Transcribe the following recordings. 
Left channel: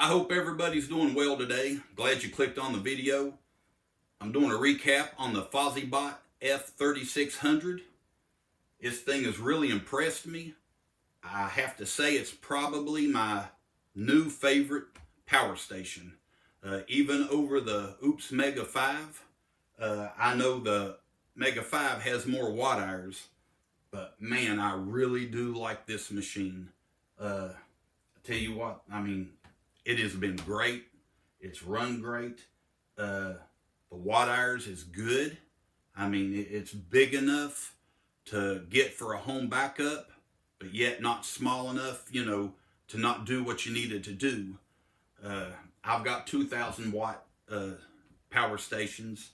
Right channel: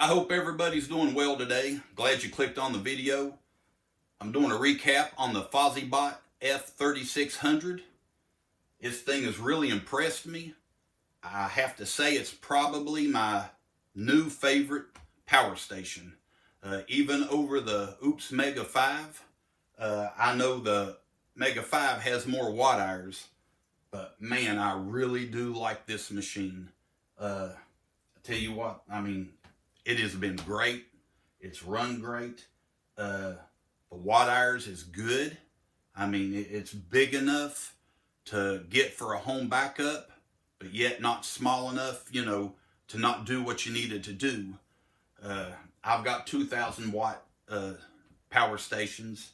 I hope everybody's doing well today. Glad you clicked on the video. I'm doing a recap on the Fossibot F3600. This thing has really impressed me. I have to say it's probably my new favorite power station. Even over the Oops Mega 5. I know the Mega 5 has more watt hours, but man, I really do like this machine. I tell you what, I mean, it has been great. It's run great. The watt hours is good. I mean, it's big enough to get for a home backup, but yet not small enough, you know, to not do what you needed to do. I've got 2,000 watt power stations,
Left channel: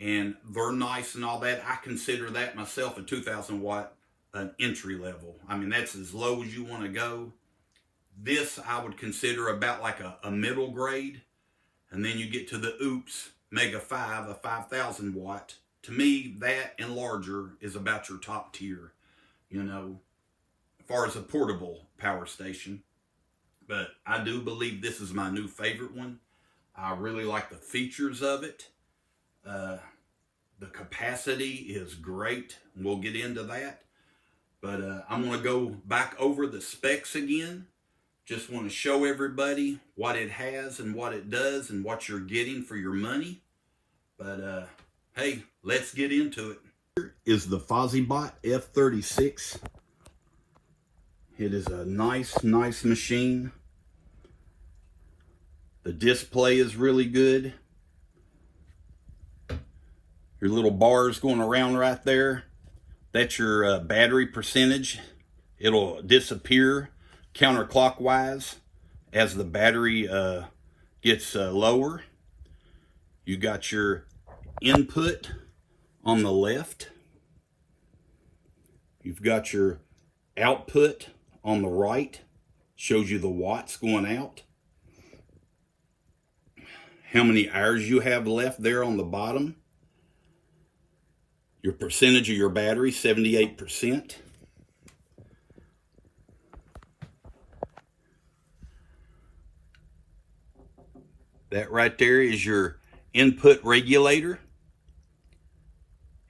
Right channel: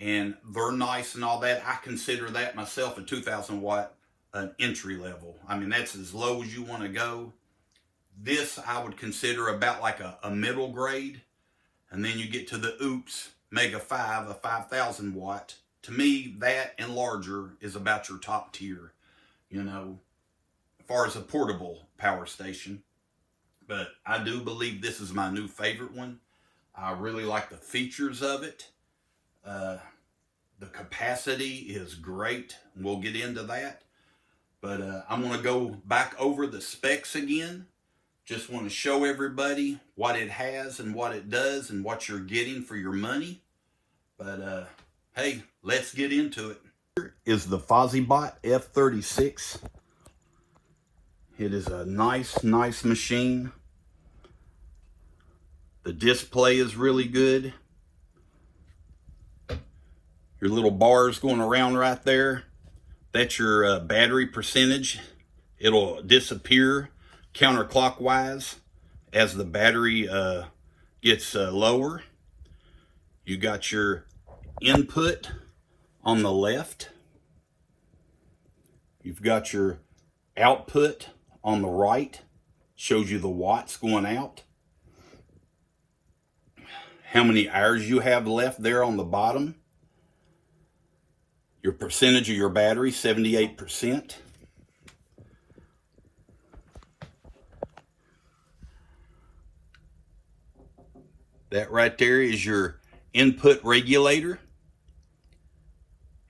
and they're nice and all that. I consider that myself a 2,000 watt entry level. I mean, that's as low as you want to go. This I would consider about like a middle grade. And then you get to the Oops Mega 5, a 5,000 watt. To me, that and larger is about your top tier, you know, as far as a portable power station. But I do believe this is my new favorite one. I really like the features of it. The capacity is great. We'll get into that. But I'm going to go back over the specs again. Just want to show everybody what it has and what it does and what you're getting for your money. But hey, let's get into it. Here is the Fossibot F36. It is a nice machine. The display is really good. Your little bars going around right there. That's your battery percentage. It'll disappear counterclockwise as the battery gets lower. You got your input on the left. You've got your output on the right. Shows you the watts going out. How many hours you have left there on the bottom. Your percentage of your battery, 78%. That right there is your input regulator.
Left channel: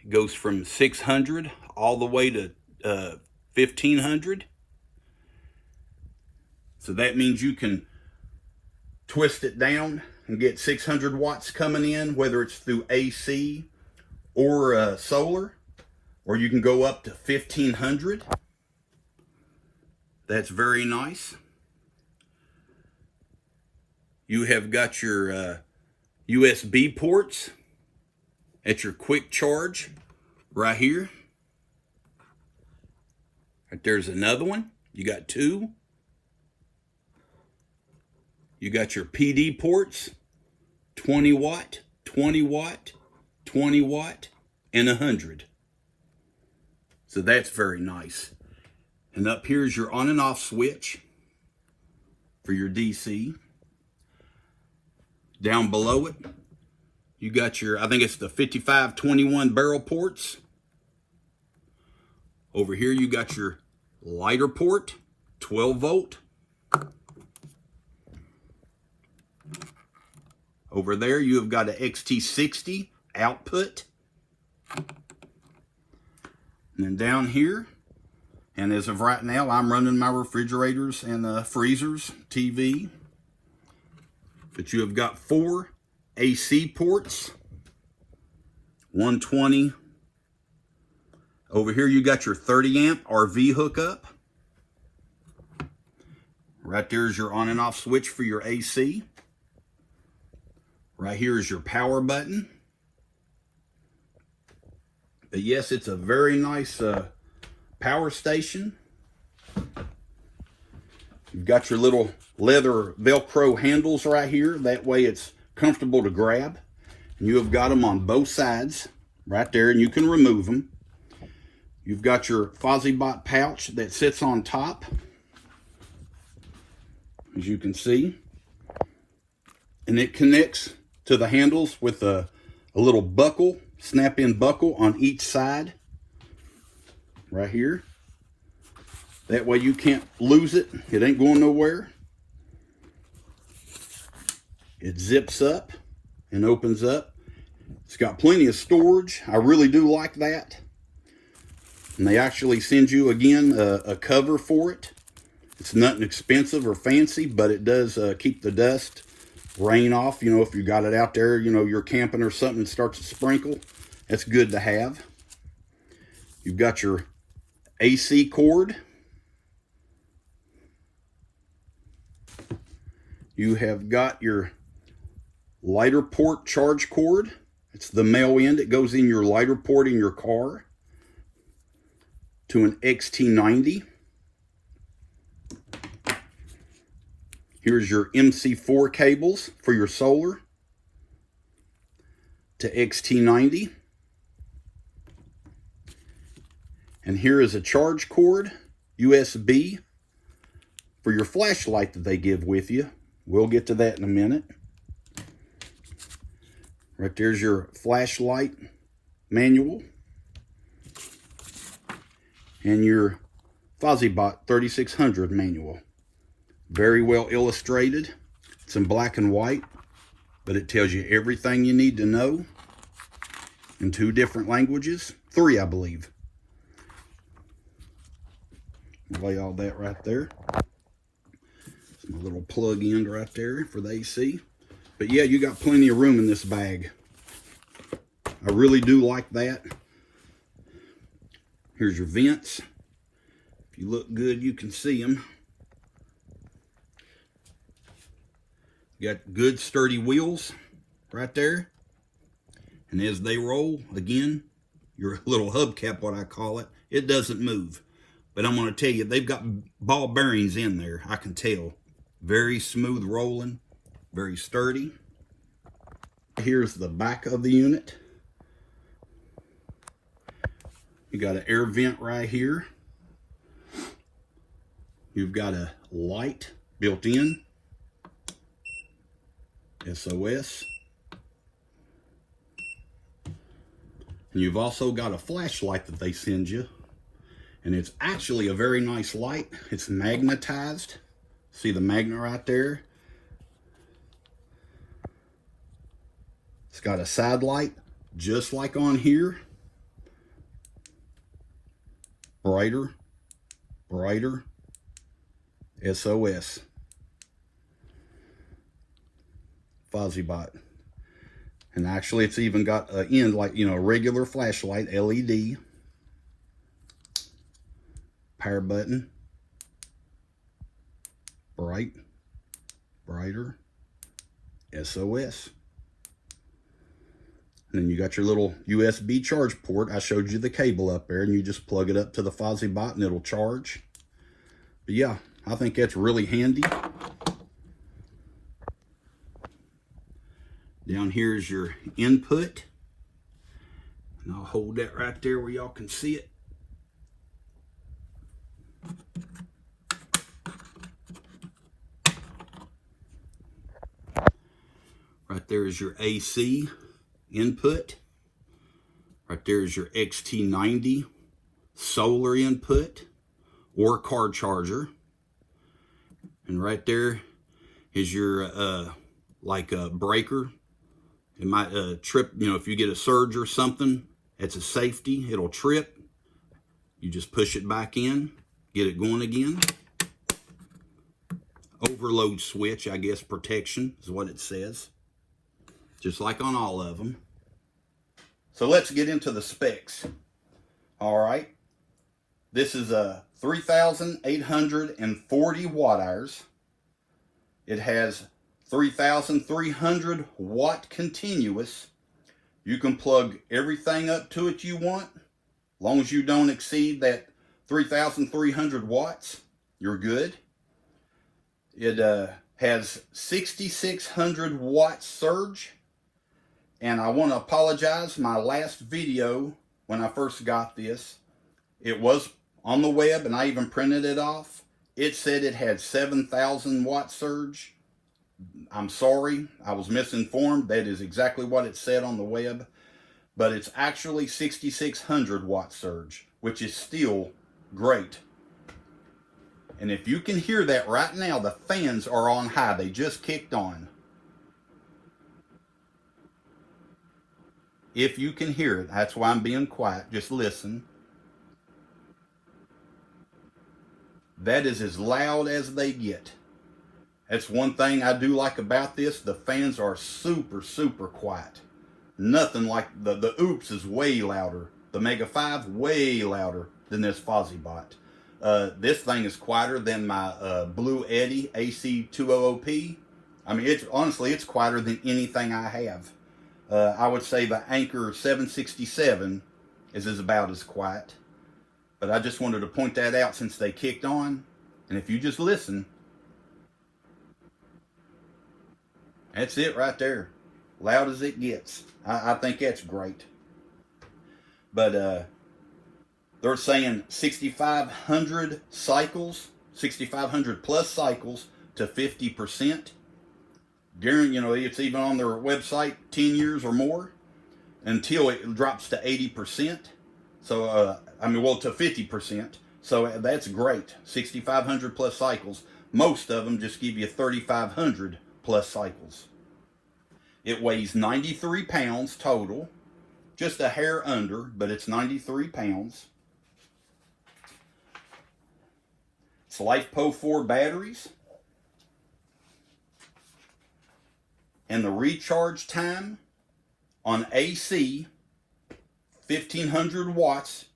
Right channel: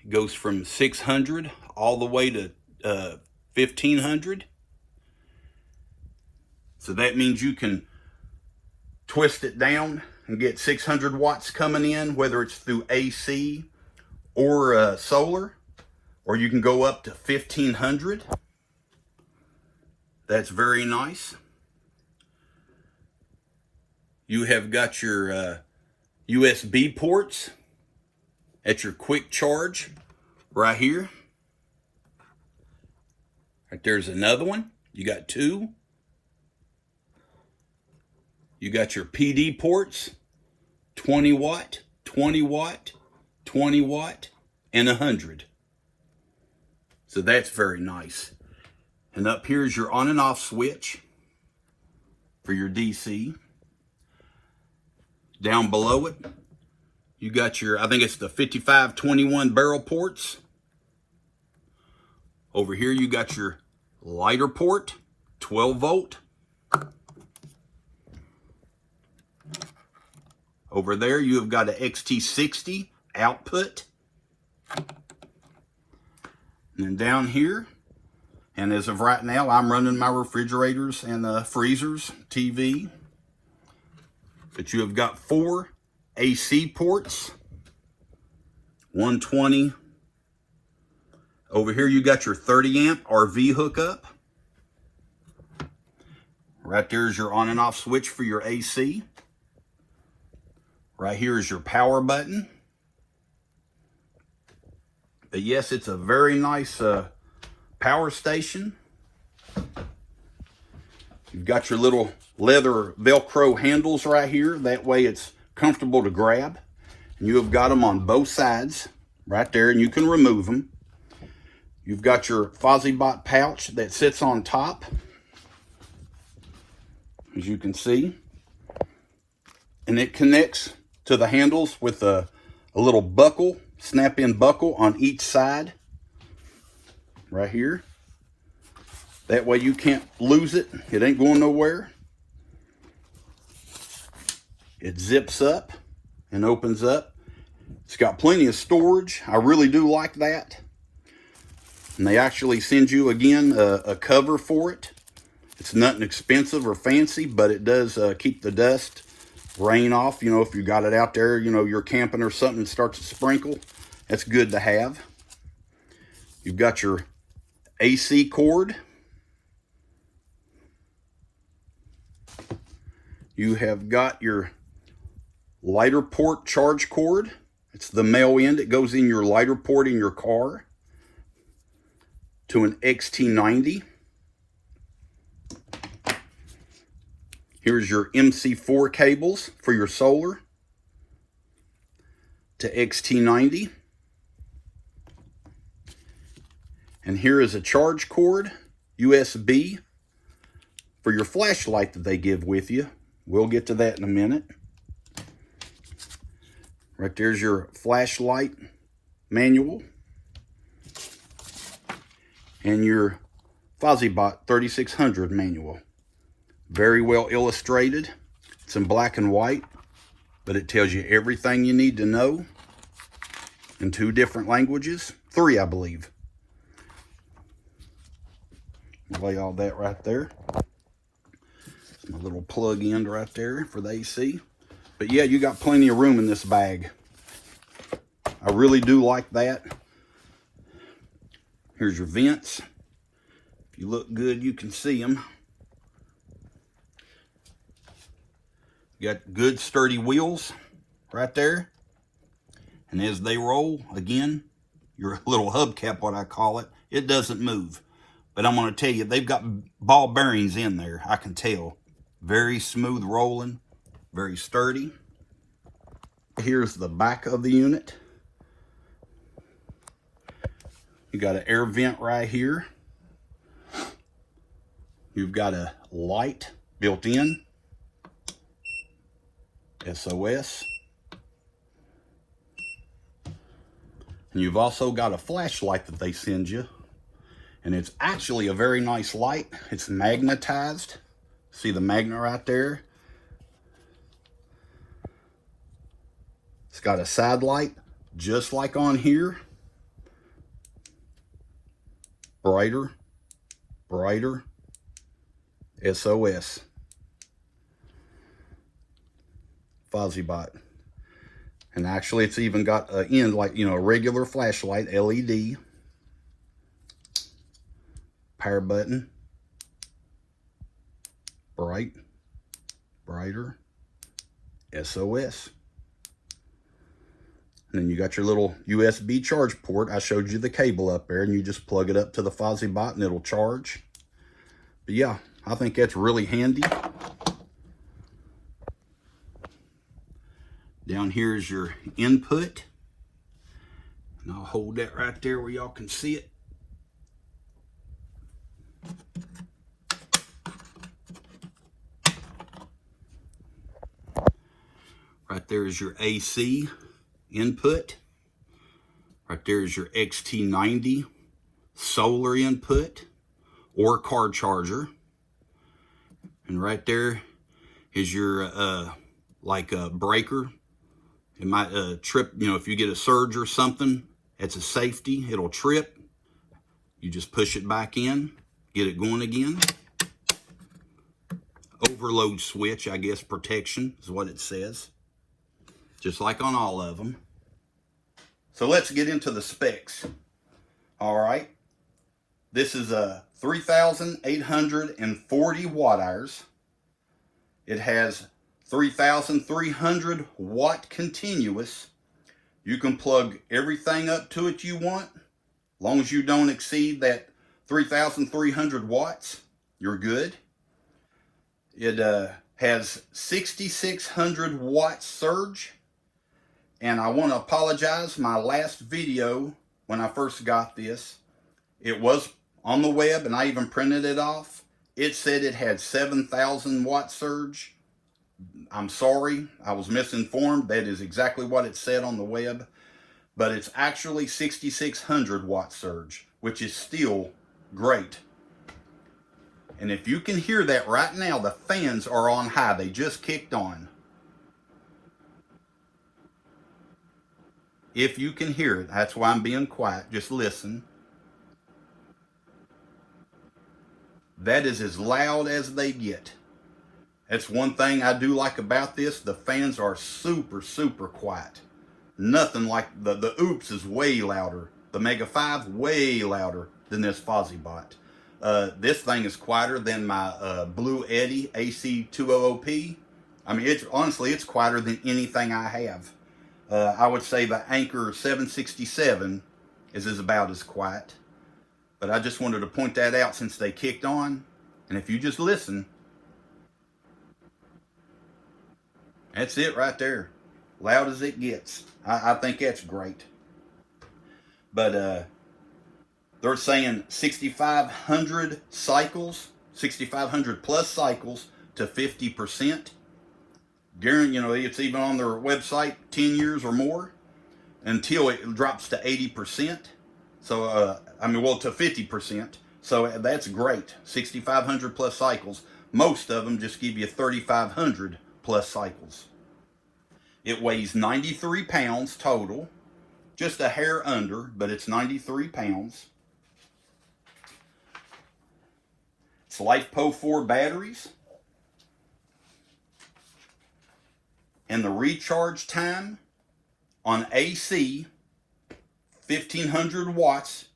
It goes from 600 all the way to 1500. So that means you can twist it down and get 600 watts coming in, whether it's through AC or solar, or you can go up to 1500. That's very nice. You have got your USB ports at your quick charge right here. Right there's another one. You got two. You got your PD ports, 20 watt, 20 watt, 20 watt, and 100. So that's very nice. And up here is your on and off switch for your DC. Down below it, you got your, I think it's the 5521 barrel ports. Over here, you got your lighter port, 12 volt. Over there, you have got an XT60 output. And then down here, and as of right now, I'm running my refrigerators and freezers, TV. But you have got 4 AC ports, 120. Over here you got your 30 amp RV hookup. Right there is your on and off switch for your AC. Right here is your power button. But yes, it's a very nice power station. You've got your little leather Velcro handles right here. That way it's comfortable to grab. And you have got them on both sides right there, and you can remove them. You've got your Fossibot pouch that sits on top, as you can see. And it connects to the handles with a little buckle, snap-in buckle on each side. Right here. That way you can't lose it. It ain't going nowhere. It zips up and opens up. It's got plenty of storage. I really do like that. And they actually send you, again, a cover for it. It's nothing expensive or fancy, but it does keep the dust, rain off. You know, if you got it out there, you know, you're camping or something and starts to sprinkle, that's good to have. You've got your AC cord. You have got your lighter port charge cord. It's the male end. It goes in your lighter port in your car to an XT90. Here's your MC4 cables for your solar to XT90. And here is a charge cord, USB, for your flashlight that they give with you. We'll get to that in a minute. Right there's your flashlight manual. And your Fossibot 3600 manual. Very well illustrated. It's in black and white, but it tells you everything you need to know in 2 different languages. 3, I believe. Lay all that right there. It's my little plug in right there for the AC. But yeah, you got plenty of room in this bag. I really do like that. Here's your vents. If you look good, you can see them. You got good sturdy wheels right there. And as they roll, again, your little hubcap, what I call it, it doesn't move. But I'm going to tell you, they've got ball bearings in there, I can tell. Very smooth rolling, very sturdy. Here's the back of the unit. You got an air vent right here. You've got a light built in. SOS. And you've also got a flashlight that they send you. And it's actually a very nice light. It's magnetized. See the magnet right there? It's got a side light, just like on here. Brighter, brighter, SOS. Fossibot. And actually it's even got an end like, you know, a regular flashlight, LED. Power button. Bright, brighter, SOS. And then you got your little USB charge port. I showed you the cable up there, and you just plug it up to the Fossibot and it'll charge. But yeah, I think that's really handy. Down here is your input. And I'll hold that right there where y'all can see it. Right there is your AC input. Right there is your XT90 solar input or car charger. And right there is your like a breaker. It might trip, you know, if you get a surge or something, it's a safety, it'll trip. You just push it back in, get it going again. Overload switch, I guess, protection is what it says. Just like on all of them. So let's get into the specs. All right. This is a 3,840 watt hours. It has 3,300 watt continuous. You can plug everything up to it you want. As long as you don't exceed that 3,300 watts, you're good. It has 6,600 watt surge. And I want to apologize, my last video, when I first got this, it was on the web and I even printed it off. It said it had 7,000 watt surge. I'm sorry, I was misinformed. That is exactly what it said on the web. But it's actually 6,600 watt surge, which is still great. And if you can hear that right now, the fans are on high. They just kicked on. if you can hear it. That's why I'm being quiet. Just listen. That is as loud as they get. That's one thing I do like about this. The fans are super, super quiet. Nothing like the Oops is way louder. The Mega 5 way louder than this Fossibot. This thing is quieter than my Blue Eddy AC200P. I mean, honestly, it's quieter than anything I have. I would say the Anchor 767 is about as quiet. But I just wanted to point that out since they kicked on. And if you just listen, that's it right there. Loud as it gets. I think that's great. But they're saying 6,500 cycles, 6,500 plus cycles to 50%. Guarantee, it's even on their website 10 years or more until it drops to 80%. So, to 50%. So that's great. 6,500 plus cycles. Most of them just give you 3,500 plus cycles. It weighs 93 pounds total. Just a hair under, but it's 93 pounds. It's LifePo 4 batteries. And the recharge time on AC, 1,500 watts,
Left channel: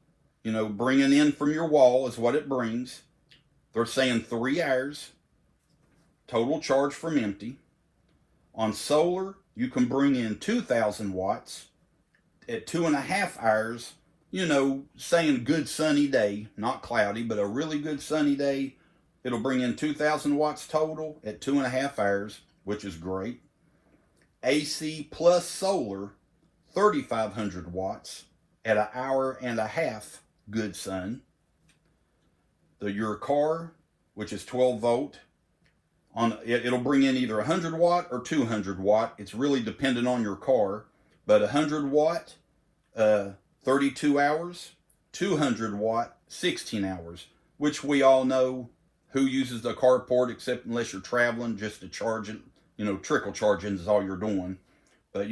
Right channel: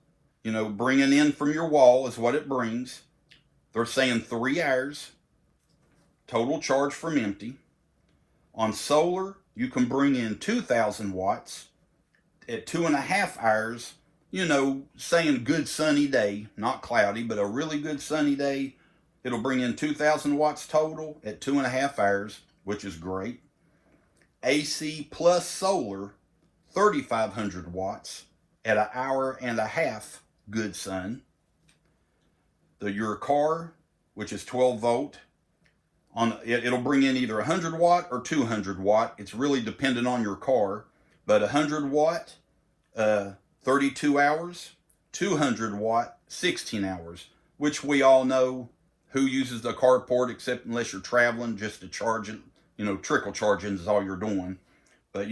bringing in from your wall is what it brings. They're saying 3 hours, total charge from empty. On solar, you can bring in 2,000 watts at 2.5 hours, saying good sunny day, not cloudy, but a really good sunny day. It'll bring in 2,000 watts total at 2.5 hours, which is great. AC plus solar, 3,500 watts at 1.5 hours, good sun. Your car, which is 12 volt, it'll bring in either 100 watt or 200 watt. It's really dependent on your car, but 100 watt, 32 hours, 200 watt, 16 hours, which we all know who uses the carport except unless you're traveling just to charge it. Trickle charging is all you're doing. But,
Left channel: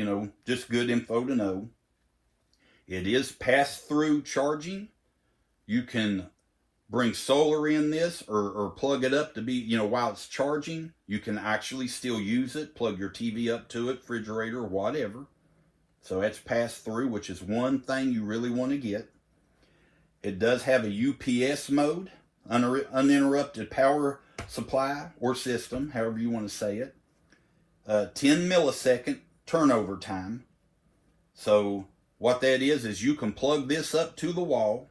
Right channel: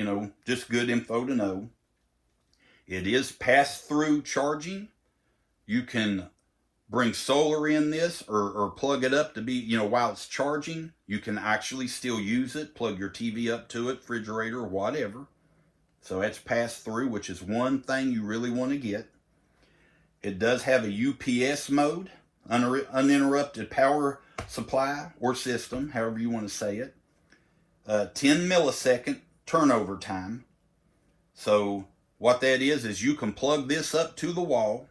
just good info to know. It is pass-through charging. You can bring solar in this or plug it up to be, while it's charging. You can actually still use it. Plug your TV up to it, refrigerator, or whatever. So that's pass-through, which is one thing you really want to get. It does have a UPS mode, uninterrupted power supply or system, however you want to say it. 10 millisecond turnover time. So what that is you can plug this up to the wall,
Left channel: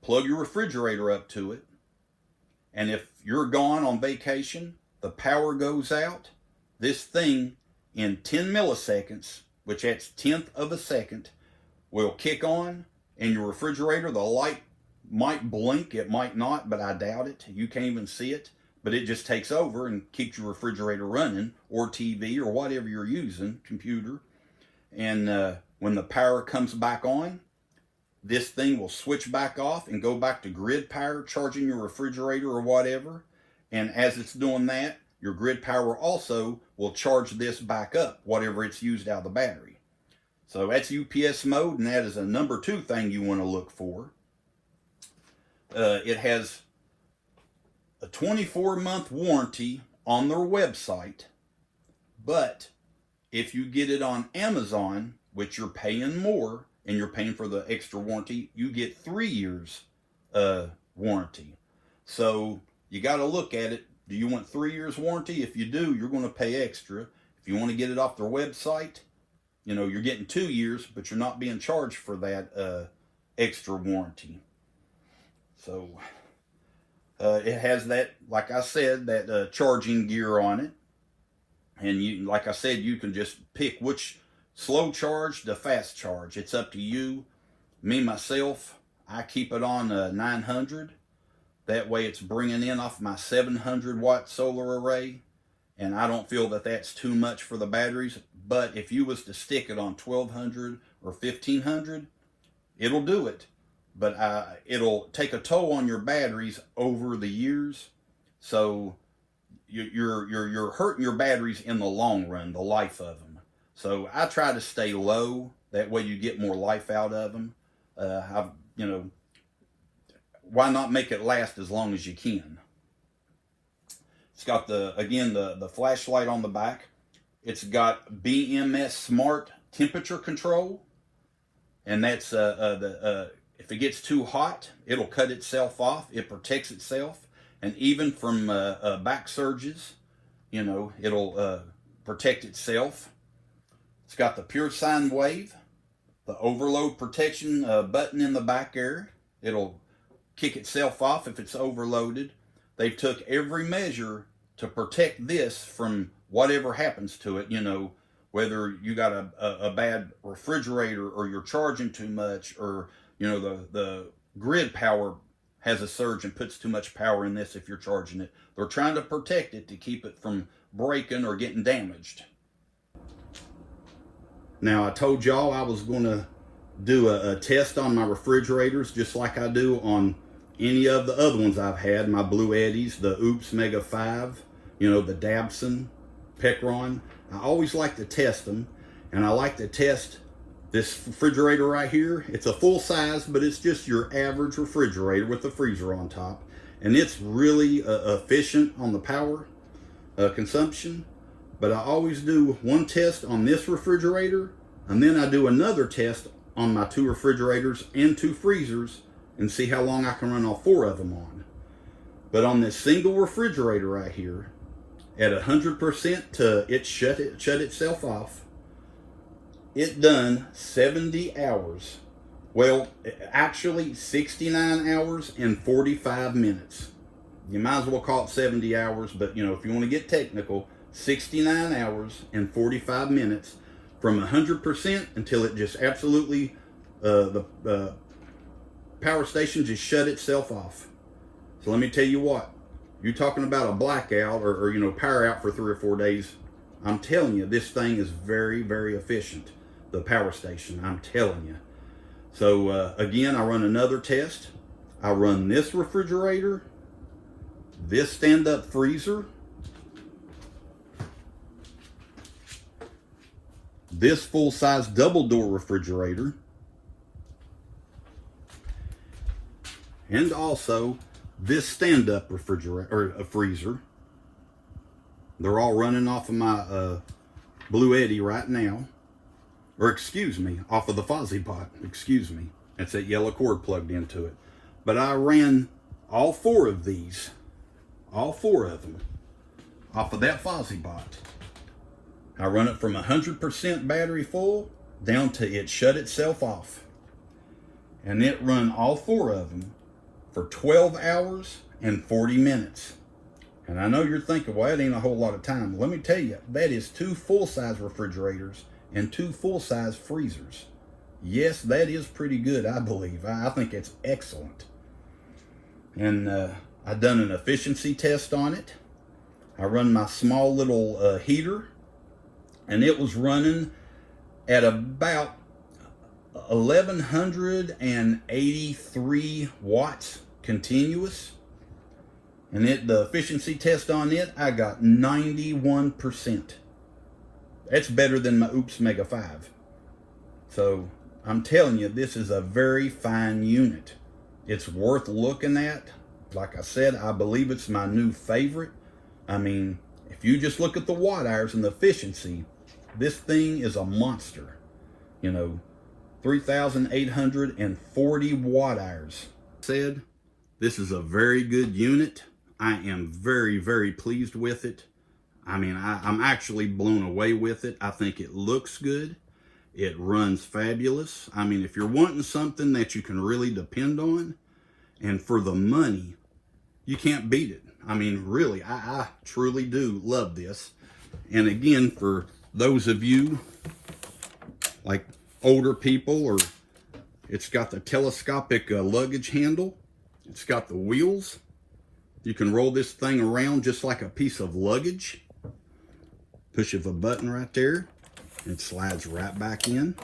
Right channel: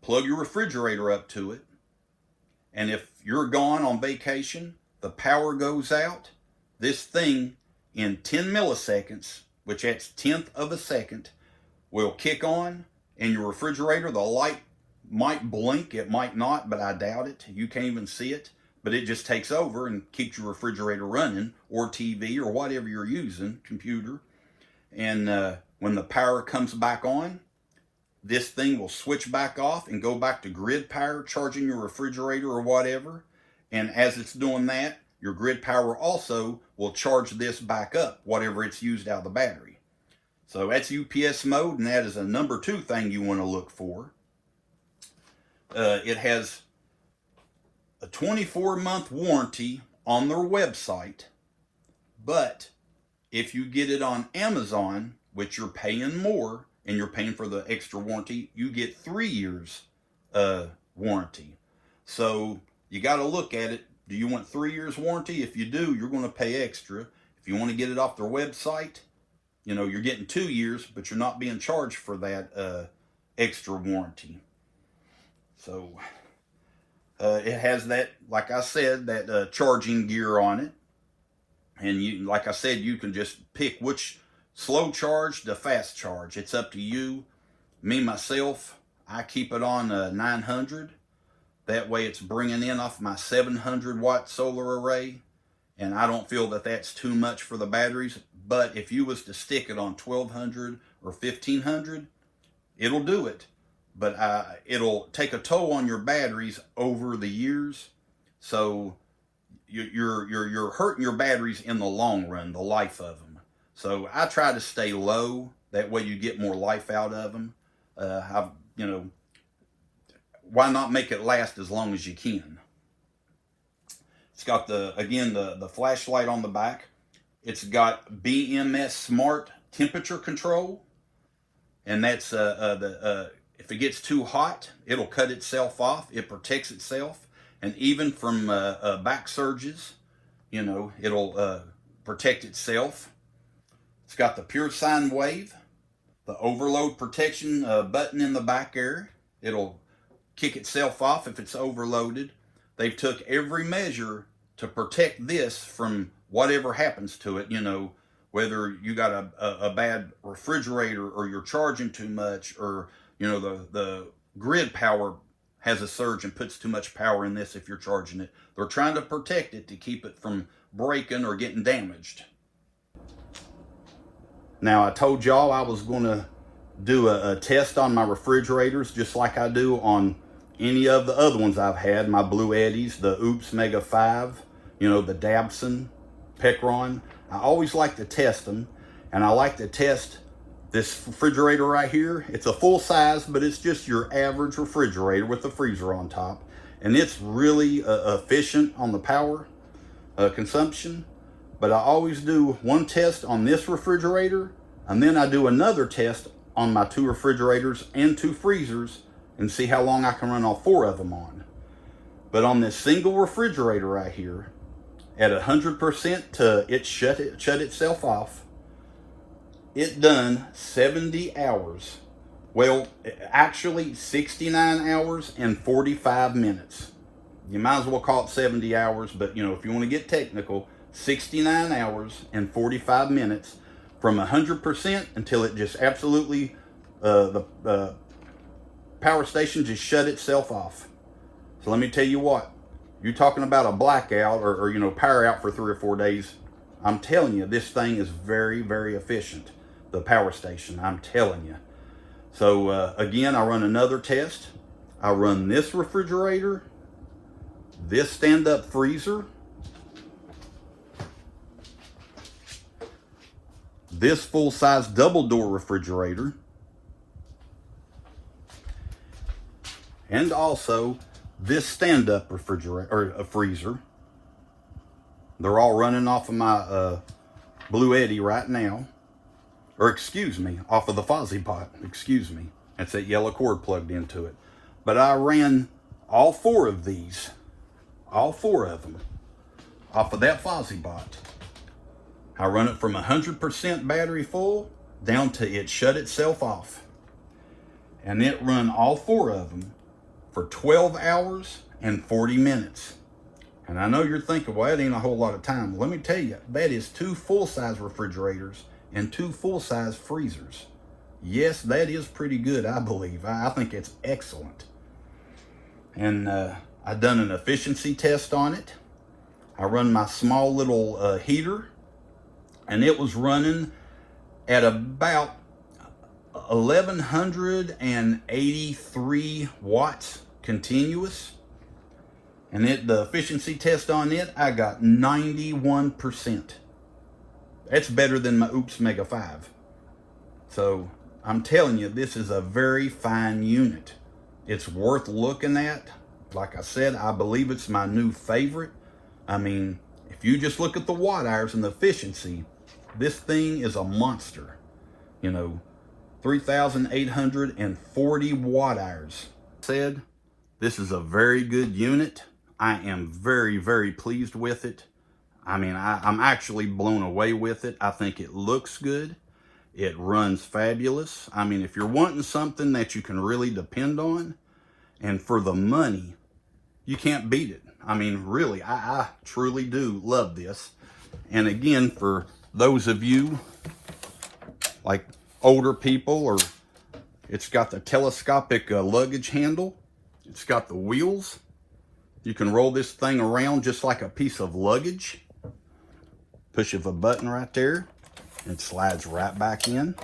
plug your refrigerator up to it, and if you're gone on vacation, the power goes out, this thing in 10 milliseconds, which that's 1/10 of a second, will kick on, and your refrigerator, the light might blink, it might not, but I doubt it. You can't even see it. But it just takes over and keeps your refrigerator running, or TV, or whatever you're using, computer. And when the power comes back on, this thing will switch back off and go back to grid power, charging your refrigerator or whatever. And as it's doing that, your grid power also will charge this back up, whatever it's used out of the battery. So that's UPS mode, and that is a number 2 thing you want to look for. It has a 24-month warranty on their website, but if you get it on Amazon, which you're paying more and you're paying for the extra warranty, you get 3 years warranty. So you got to look at it. Do you want 3 years warranty? If you do, you're going to pay extra. If you want to get it off their website, you're getting 2 years, but you're not being charged for that extra warranty. So it has that, like I said, that charging gear on it. And like I said, you can just pick which slow charge to fast charge. It's up to you. Me, myself, I keep it on 900. That way it's bringing in off my 700 watt solar array. And I don't feel that that's too much for the batteries. But if you was to stick it on 1200 or 1500, it'll do it. But it'll take a toll on your batteries over the years. So you're hurting your batteries in the long run, the life of them. So I try to stay low. That way you get more life out of them. Why not make it last as long as you can? It's got the flashlight on the back. It's got BMS Smart temperature control, and that's if it gets too hot, it'll cut itself off. It protects itself, and even from back surges, it'll protect itself. It's got the pure sine wave, the overload protection button in the back there. It'll kick itself off if it's overloaded. They've took every measure to protect this from whatever happens to it, whether you got a bad refrigerator, or you're charging too much, or the grid power has a surge and puts too much power in this if you're charging it. They're trying to protect it to keep it from breaking or getting damaged. Now, I told y'all I was going to do a test on my refrigerators, just like I do on any of the other ones I've had, my Blue Eddies, the Oops Mega 5, the Dabson, Pecron. I always like to test them, and I like to test this refrigerator right here. It's a full size, but it's just your average refrigerator with the freezer on top, and it's really efficient on the power consumption. But I always do one test on this refrigerator, and then I do another test on my 2 refrigerators and 2 freezers, and see how long I can run all 4 of them on. But on this single refrigerator right here, at 100% to it shut itself off, it done 70 hours. Well, actually 69 hours and 45 minutes. You might as well call it 70 hours, but if you want to get technical, 69 hours and 45 minutes from 100% until it just absolutely, the power station just shut itself off. So let me tell you what, you're talking about a blackout or power out for 3 or 4 days. I'm telling you, this thing is very, very efficient. The power station, I'm telling you. So again, I run another test. I run this refrigerator, this stand-up freezer, this full-size double-door refrigerator, and also this stand-up refrigerator or a freezer. They're all running off of my Blue Eddy right now, or excuse me, off of the Fossibot. Excuse me, that's that yellow cord plugged into it. But I ran all 4 of these, all 4 of them, off of that Fossibot. I run it from 100% battery full down to it shut itself off, and it run all 4 of them for 12 hours and 40 minutes. And I know you're thinking, well, that ain't a whole lot of time. Let me tell you, that is 2 full-size refrigerators and 2 full-size freezers. Yes, that is pretty good, I believe. I think it's excellent. And I done an efficiency test on it. I run my small little heater, and it was running at about 1183 watts continuous. And the efficiency test on it, I got 91%. That's better than my Oops Mega 5. So I'm telling you, this is a very fine unit. It's worth looking at. Like I said, I believe it's my new favorite. I mean, if you just look at the watt hours and the efficiency, this thing is a monster. 3,840 watt hours. Said, this is a very good unit. I am very, very pleased with it. I mean, I'm actually blown away with it. I think it looks good. It runs fabulous. I mean, if you're wanting something that you can really depend on, and for the money, you can't beat it. I mean, really, I truly do love this. And again, for those of you like older people, or it's got the telescopic luggage handle. It's got the wheels. You can roll this thing around just like a piece of luggage. Push of a button right there. It slides right back in.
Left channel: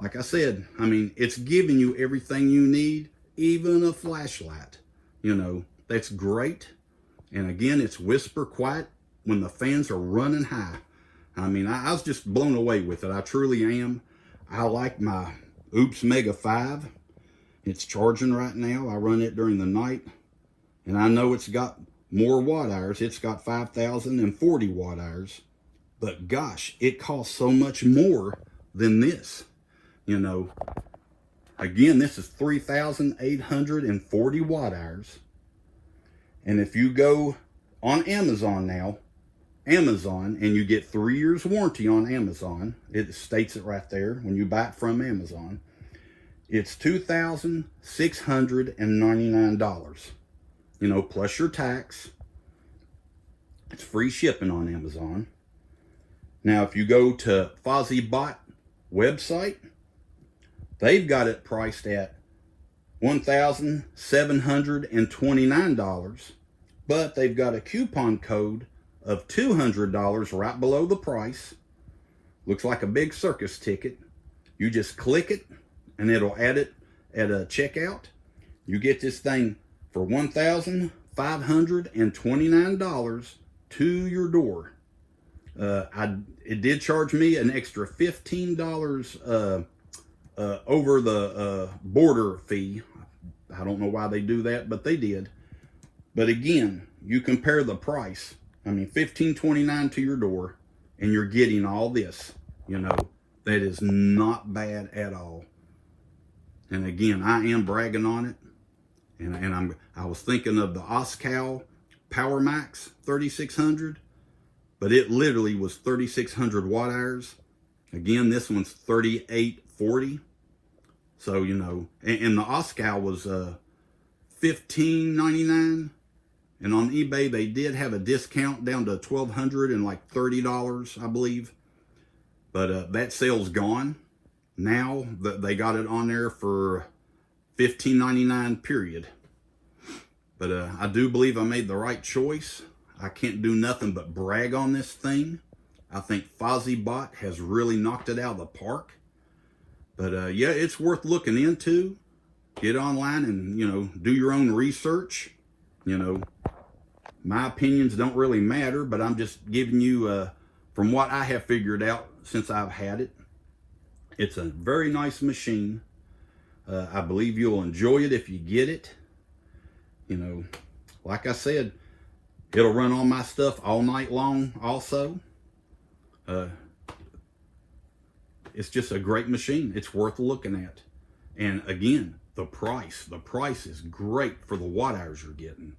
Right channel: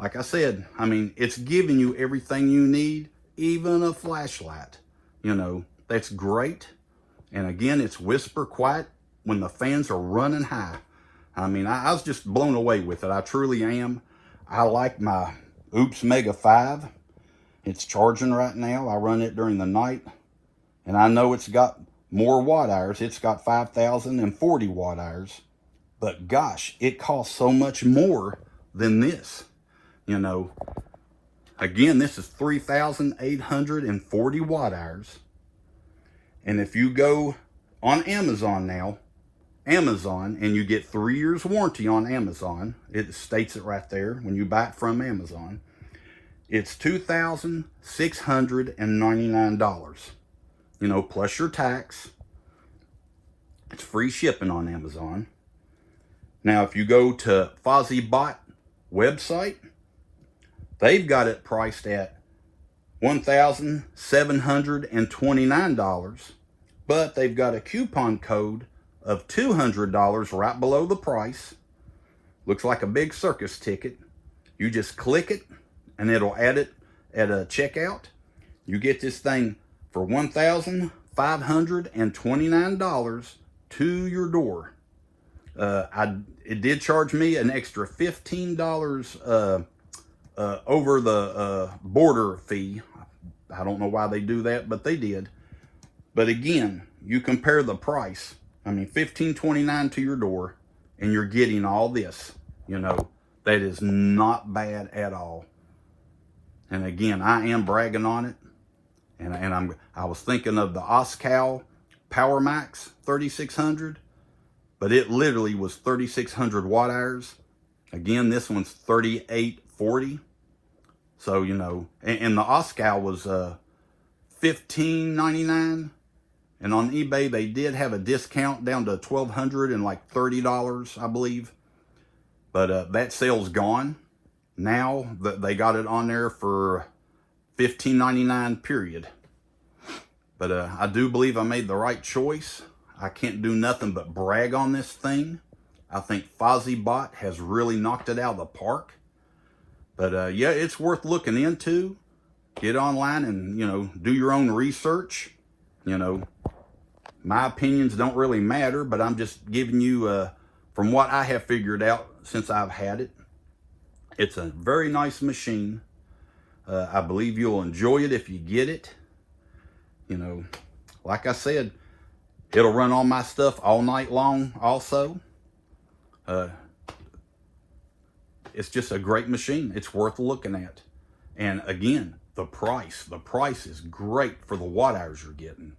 Like I said, I mean, it's giving you everything you need, even a flashlight. That's great. And again, it's whisper quiet when the fans are running high. I mean, I was just blown away with it. I truly am. I like my Oops Mega 5. It's charging right now. I run it during the night, and I know it's got more watt hours. It's got 5,040 watt hours, but gosh, it costs so much more than this. You know, again, this is 3,840 watt hours. And if you go on Amazon now, and you get 3 years warranty on Amazon, it states it right there when you buy it from Amazon, it's $2,699, you know, plus your tax. It's free shipping on Amazon. Now, if you go to Fossibot website, they've got it priced at $1,729, but they've got a coupon code of $200 right below the price. Looks like a big circus ticket. You just click it, and it'll add it at a checkout. You get this thing for $1,529 to your door. It did charge me an extra $15 over the border fee. I don't know why they do that, but they did. But again, you compare the price. I mean, $1,529 to your door, and you're getting all this. You know, that is not bad at all. And again, I am bragging on it. And I was thinking of the Oscal Power Max 3600, but it literally was 3,600 watt hours. Again, this one's 3,840. So, you know, and the Oscal was $1,599. And on eBay, they did have a discount down to $1,200 and like $30, I believe. But that sale's gone. Now they got it on there for $15.99, period. But I do believe I made the right choice. I can't do nothing but brag on this thing. I think Fossibot has really knocked it out of the park. But yeah, it's worth looking into. Get online and, you know, do your own research. You know, my opinions don't really matter, but I'm just giving you, from what I have figured out since I've had it. It's a very nice machine. I believe you'll enjoy it if you get it. You know, like I said, it'll run all my stuff all night long also. It's just a great machine. It's worth looking at. And again, the price is great for the watt hours you're getting.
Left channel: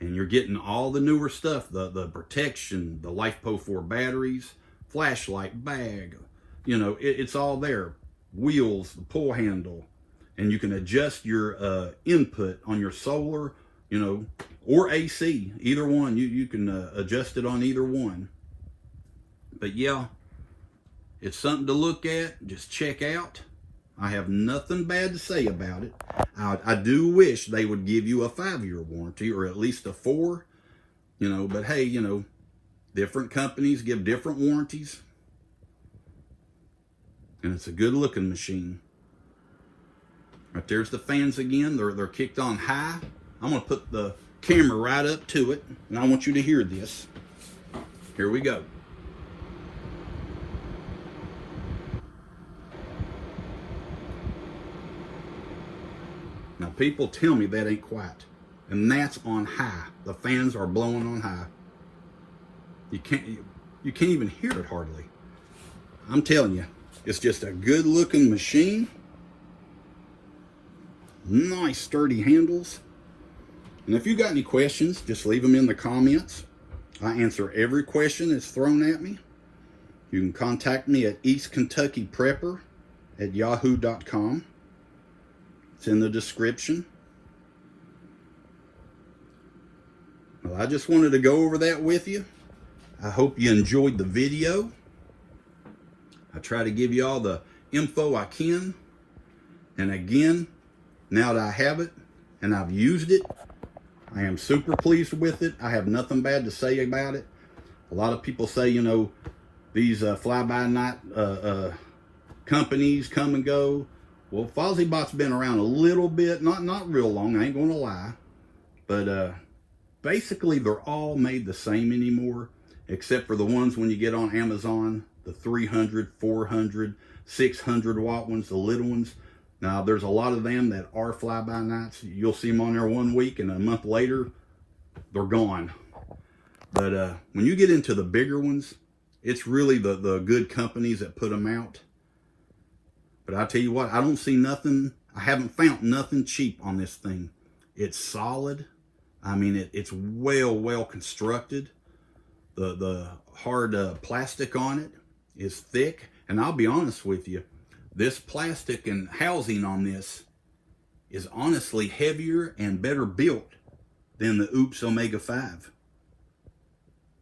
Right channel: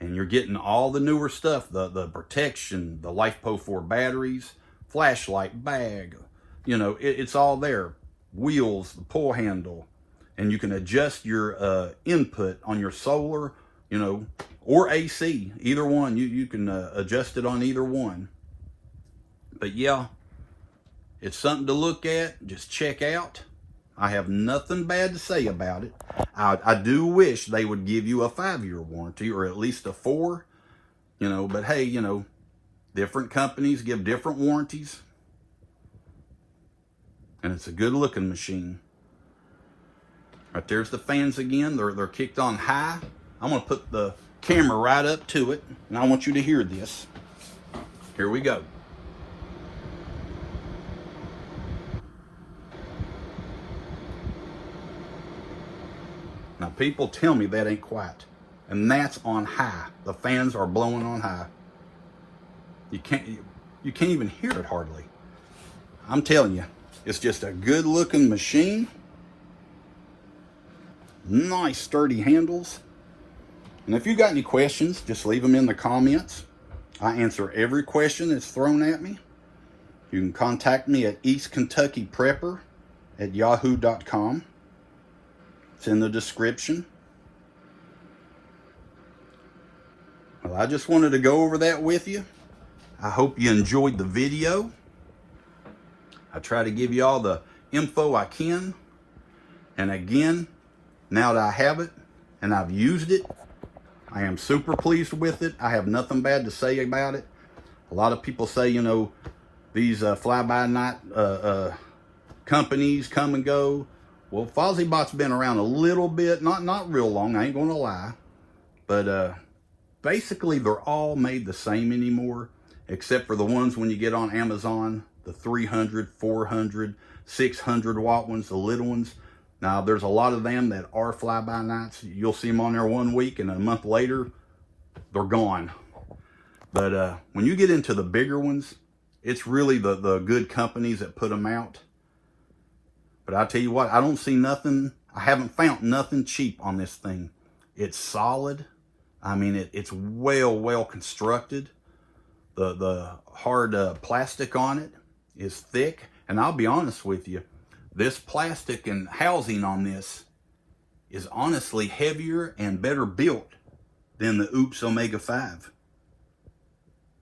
And you're getting all the newer stuff, the protection, the LiFePO4 batteries, flashlight, bag, you know, it's all there. Wheels, the pull handle, and you can adjust your input on your solar, you know, or AC, either one. You can adjust it on either one. But yeah, it's something to look at, just check out. I have nothing bad to say about it. I do wish they would give you a 5-year warranty, or at least a 4, you know, but hey, you know, different companies give different warranties. And it's a good looking machine. Right there's the fans again. They're kicked on high. I'm gonna put the camera right up to it, and I want you to hear this. Here we go. Now people tell me that ain't quiet, and that's on high. The fans are blowing on high. You can't even hear it hardly. I'm telling you, it's just a good looking machine. Nice sturdy handles. And if you got any questions, just leave them in the comments. I answer every question that's thrown at me. You can contact me at eastkyprepper@yahoo.com. It's in the description. Well, I just wanted to go over that with you. I hope you enjoyed the video. I try to give you all the info I can. And again, now that I have it and I've used it, I am super pleased with it. I have nothing bad to say about it. A lot of people say, you know, these fly-by-night companies come and go. Well, Fossibot's been around a little bit, not real long, I ain't gonna lie. But basically, they're all made the same anymore. except for the ones when you get on Amazon, the 300, 400, 600 watt ones, the little ones. Now, there's a lot of them that are fly-by-nights. You'll see them on there 1 week, and a month later, they're gone. But when you get into the bigger ones, it's really the good companies that put them out. But I tell you what, I don't see nothing, I haven't found nothing cheap on this thing. It's solid. I mean, it's well constructed. The hard plastic on it is thick. And I'll be honest with you, this plastic and housing on this is honestly heavier and better built than the Oops Omega 5.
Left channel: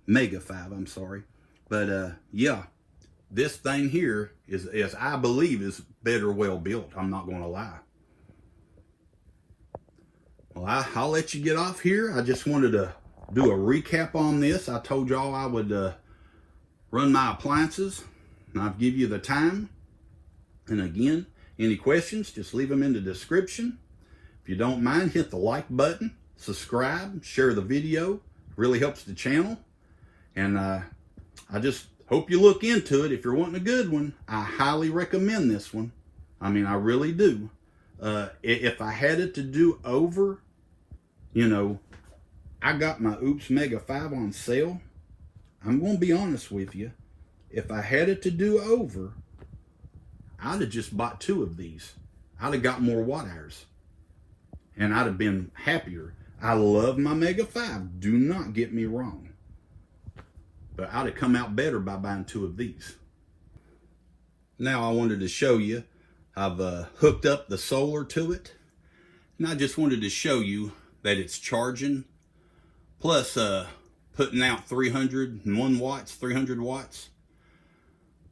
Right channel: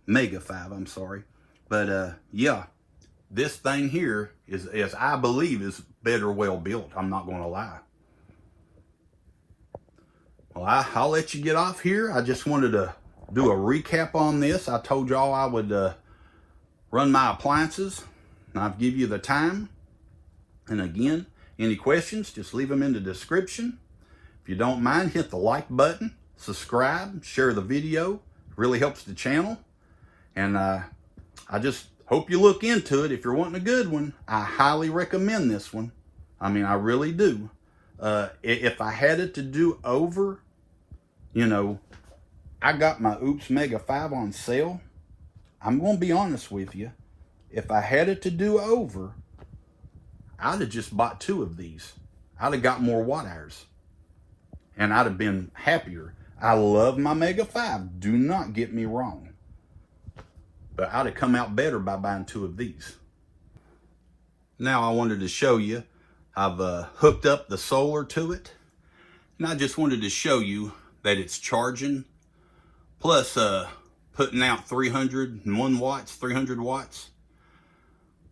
Mega 5, I'm sorry. But yeah, this thing here is I believe is better well built. I'm not going to lie. Well, I'll let you get off here. I just wanted to do a recap on this. I told y'all I would run my appliances, and I'll give you the time. And again, any questions, just leave them in the description. If you don't mind, hit the like button, subscribe, share the video. It really helps the channel. And I just hope you look into it. If you're wanting a good one, I highly recommend this one. I mean, I really do. If I had it to do over, you know, I got my Oops Mega 5 on sale. I'm going to be honest with you. If I had it to do over, I'd have just bought 2 of these. I'd have got more watt hours. And I'd have been happier. I love my Mega 5. Do not get me wrong. But I'd have come out better by buying 2 of these. Now I wanted to show you, I've hooked up the solar to it. And I just wanted to show you that it's charging. Plus putting out 301 watts, 300 watts.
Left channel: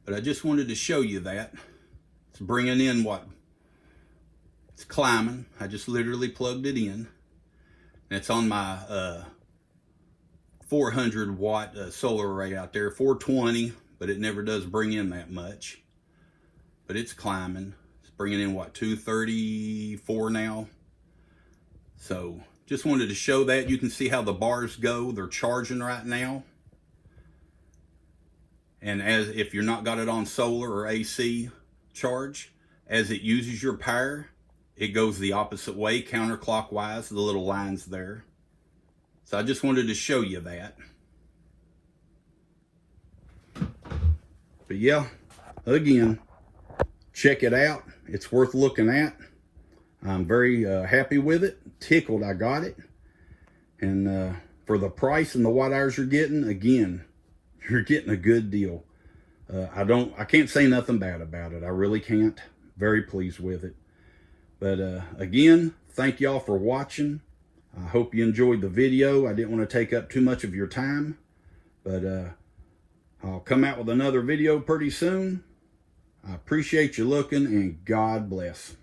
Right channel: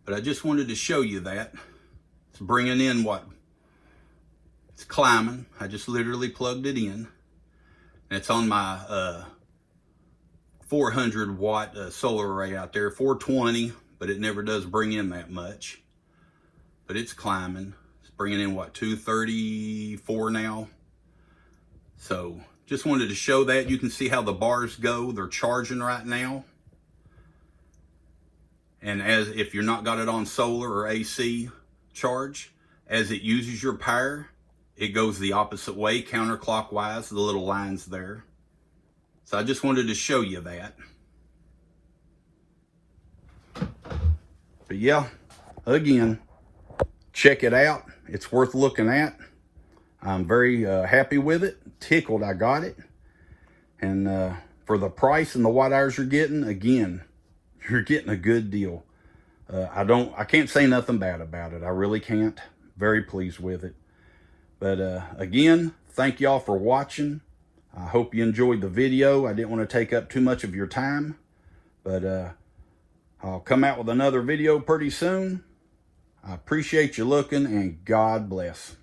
But I just wanted to show you that. It's bringing in what? It's climbing. I just literally plugged it in. And it's on my 400 watt solar array out there, 420, but it never does bring in that much. But it's climbing. It's bringing in what, 234 now. So just wanted to show that. You can see how the bars go. They're charging right now. And as if you're not got it on solar or AC charge, as it uses your power, it goes the opposite way, counterclockwise, the little lines there. So I just wanted to show you that. But yeah, again, check it out. It's worth looking at. I'm very happy with it. Tickled I got it. And for the price and the watt hours you're getting, again, you're getting a good deal. I can't say nothing bad about it. I really can't. Very pleased with it. But again, thank y'all for watching. I hope you enjoyed the video. I didn't want to take up too much of your time, but I'll come out with another video pretty soon. I appreciate you looking, and God bless.